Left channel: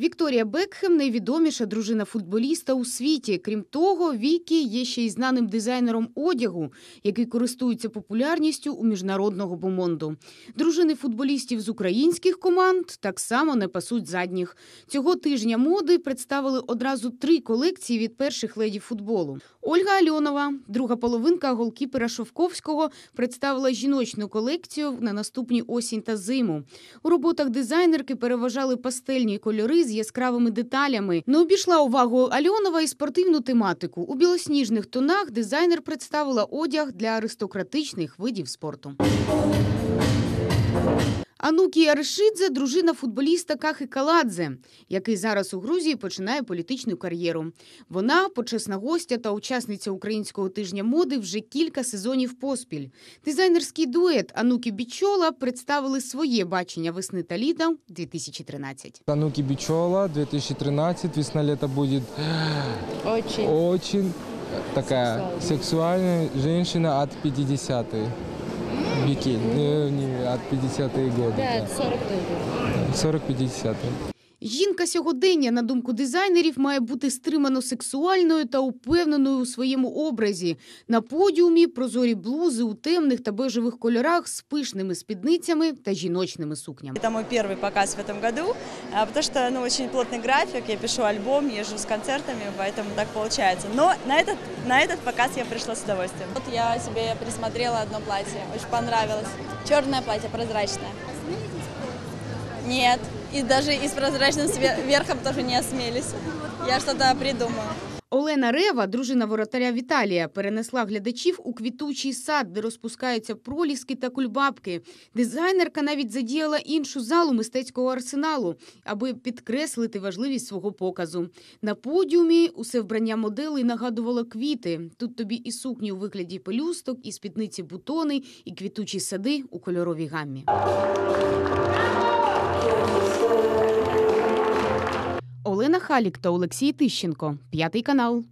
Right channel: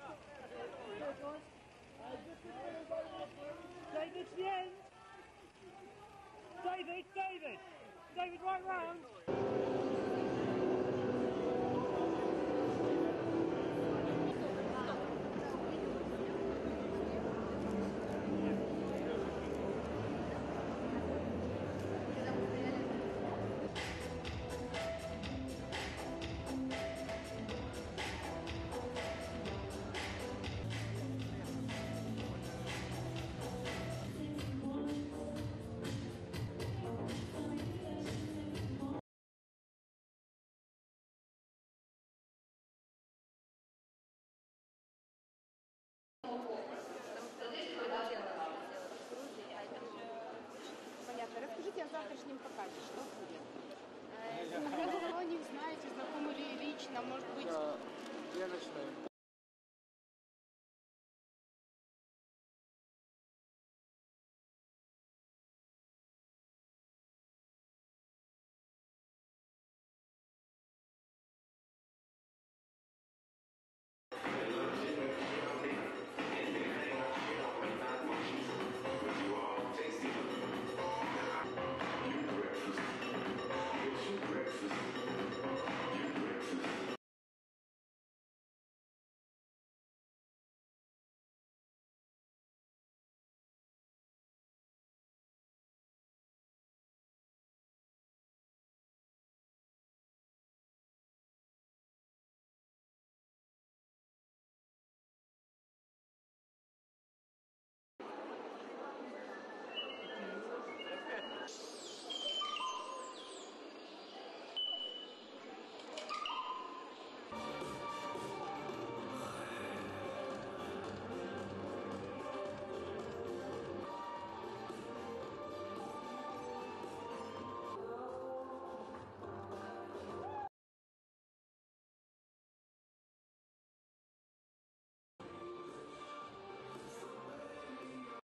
Вікторія Бекхем найвідоміша дружина футболіста у світі. Крім того, Вікі є ще й знаним дизайнером одягу, який користується популярністю у міжнародного бомонду. Дружини футболістів з українських команд так само не пасуть задніх. Цього тижня моди представили одразу три колекції від перших леді футболу. Ольга Альонова, друга половинка голкіпера Шовковського, представила жіночну колекцію на наступні осінь та зиму. У роботах дизайнерки переважали пастельні кольори з яскравими деталями. Не обійшла увагу Альонова і спортивну тематику. У білосніжних тонах дизайнер представила одяг для аристократичних видів спорту. Анукі Аришидзе – дружина футболіста Кахи Каладзе, який зараз у Грузії починає політичну кар'єру. Вона почесна гостя та учасниця українського тижня моди вже кілька сезонів поспіль. Дизайнерський дует Анукі Бічола представили своє бачення весни та літа 2013. Тануки Бичола, 2013, весна-лето будет Очень. очень такая сексуальная женщина от 50-х. Бикини, э, не, от 50-е годы. Да, да. 40-е. 40-50-е. Жінка сьогодення, на думку дизайнерів, має бути стримано сексуальною та упевненою у своєму образі. На подіумі прозорі блузи у темних та бежевих кольорах з пишними спідницями та жіночними сукнями. Это мой первый показ в этом году, а, потому что ну, очень плотный график, я пишу альбом, езжу с концертами, поэтому так получается. Но на этот, на этот показ я пришла с удовольствием. Вот я себе присмотрела одно платье, очень понравилось. Черное платье, прозрачное. Нет, и даже и с прозрачным верхом тоже не осмелись. Я что-то придумаю. Олена Рева, дружина воротаря Віталія, перенесла глядачів у квітучий сад, де розпускаються проліски та кульбабки. Дизайнерка навіть задіяла іншу залу мистецького арсеналу, аби підкреслити важливість свого показу. На подіумі усе вбрання моделей нагадувало квіти. Тут тобі і сукні у вигляді пелюсток, і спідниці бутони, і квітучі сади у кольоровій гаммі. Олена Халік та Олексій Тищенко, п'ятий канал.